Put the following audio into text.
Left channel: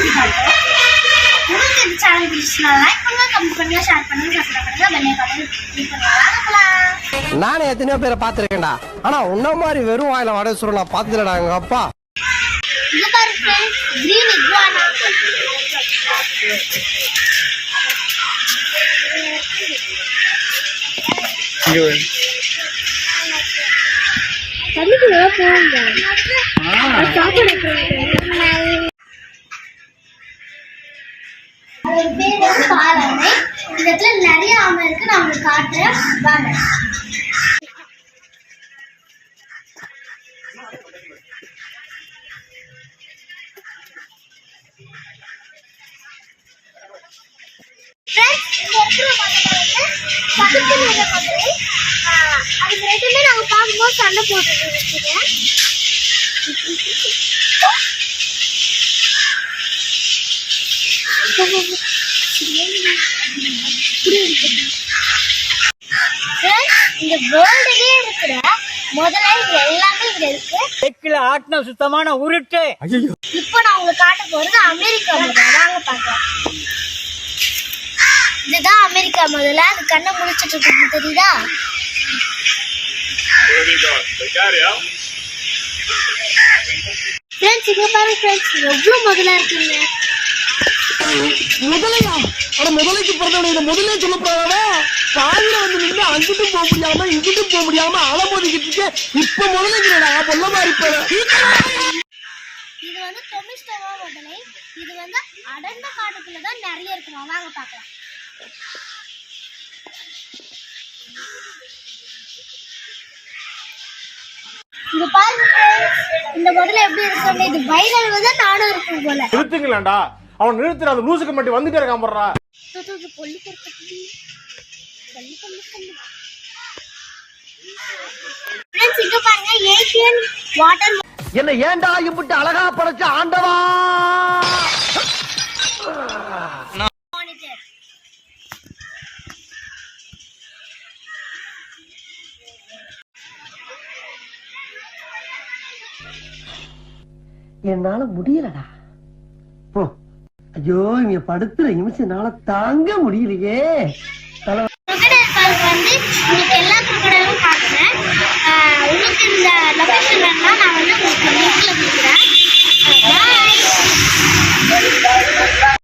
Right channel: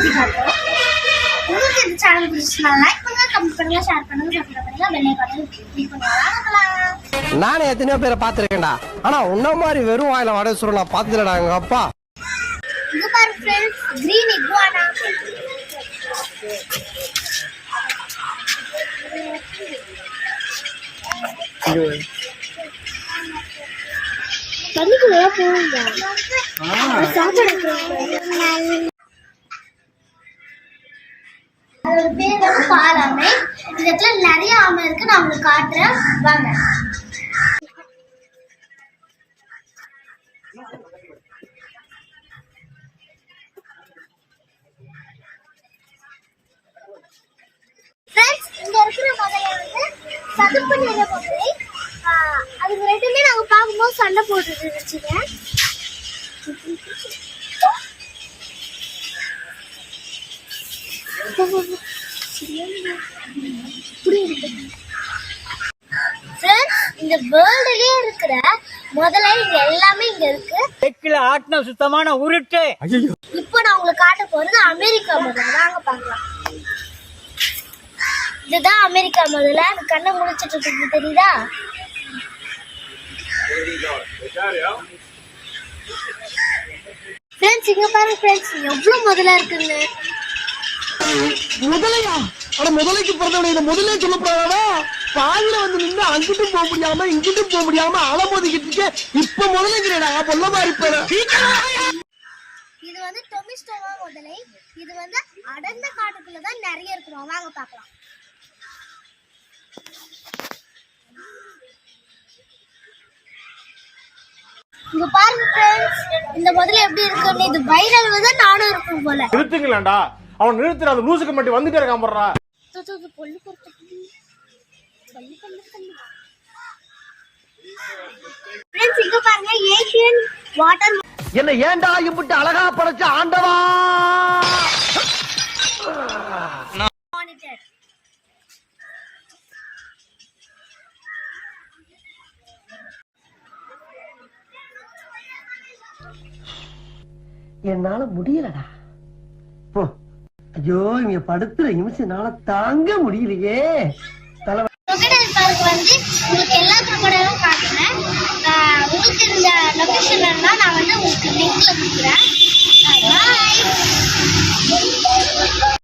சுற்றி காட்டுறோம். உங்களுக்கு இந்த சேனல் பிடிச்சினா லைக் பண்ணுங்க, கமெண்ட் பண்ணுங்க, ஷேர் பண்ணுங்க, சப்ஸ்கிரைப் பண்ணுங்க, பெல் ஐகானை கிளிக் பண்ணுங்க. நானே எத்தனையோ பேரை பார்த்துருக்கேன்டா, ஆனா உன்ன மாதிரி வெறும் வாயில வடை சுருள் நான் பார்த்ததுலடா எங்க அப்பா. இது பாரு ஃப்ரெண்ட்ஸ், கிரீன் இகுவானா. கறிக்குள்ள போங்க. அதோட பேர் வந்து பாலாமை. இந்த இடத்துல நிறைய ஆமை இருக்கு, நான் உங்களுக்கு காட்டுறேன் வாங்க. இங்க இருக்கிற பக்கத்து நிற மதுரை, அதுக்கு ரெண்டுமே நாங்க பார்க்கும்போது சண்டை போட்டுட்டு இருந்துச்சுங்க. இந்த வேர்ல்டுலயே இருக்கிற முதல்ல இங்க எல்லாமே இங்க இருக்கு. ஆட்டின சுத்தமான உருட்டு. இப்போ நான் உங்களுக்கு காட்ட போறது அமெரிக்கா முதல்ல. வாங்க பார்க்கலாம். இதுதான் அமெரிக்கா முதல்ல. அது கண்ணை முடிச்சிட்டு இருக்கு, தெரியுதா? ஃப்ரெண்ட்ஸ் இங்க பாருங்க ஃப்ரெண்ட்ஸ், எவ்வளவு முதல்ல இருக்குங்க. முதலையா? ஆனா முதலைக்கு பிறந்தவனை இதை முதலே சொல்லப்படாதா? பாதியில வந்து நின்று அங்கிட்டும் போக முடியாம இங்கிட்டும் போக முடியாம அலமோதிக்கிட்டு இருக்கு. இப்ப முதலைங்கிறடா பொல்ல மாதிரி. இது வந்து டொமிஸ்டோவா முதலை. இது வந்து அடர்ந்த காட்டுக்குள்ளதான் நிறைய இருக்குமா. வாங்க பார்க்கலாம். இங்க பாருங்க ஃப்ரெண்ட்ஸ், இந்த முதல்ல எப்படி இருக்குன்னு. இது வைரல் வந்து நானும் இருக்கும் போல. நிறுத்துங்களேன்டா, அவன் நிறுத்துற அந்த லூசுக்கு மட்டும் வந்துட்டே இருக்கான் போடுறா. ஃப்ரெண்ட்ஸ் இங்க பாருங்க, ஏசியன் வாட்டர். என்ன ஏண்டா இம்புட்டு அழகா படைச்ச ஆண்டவா. மானிட்டர். என்னால முடியலடா. ஐயோ, இங்க படுத்துற நிமிஷம் என்னால தாங்க முடியலையே. crocodile park வந்து உங்களுக்கு எல்லா crocodileம் காட்டுறேன். உங்களுக்கு இந்த லொகேஷன் வேணும்னா நான் வந்து உங்களுக்கு லிங்க்ல கொடுக்குறேன்.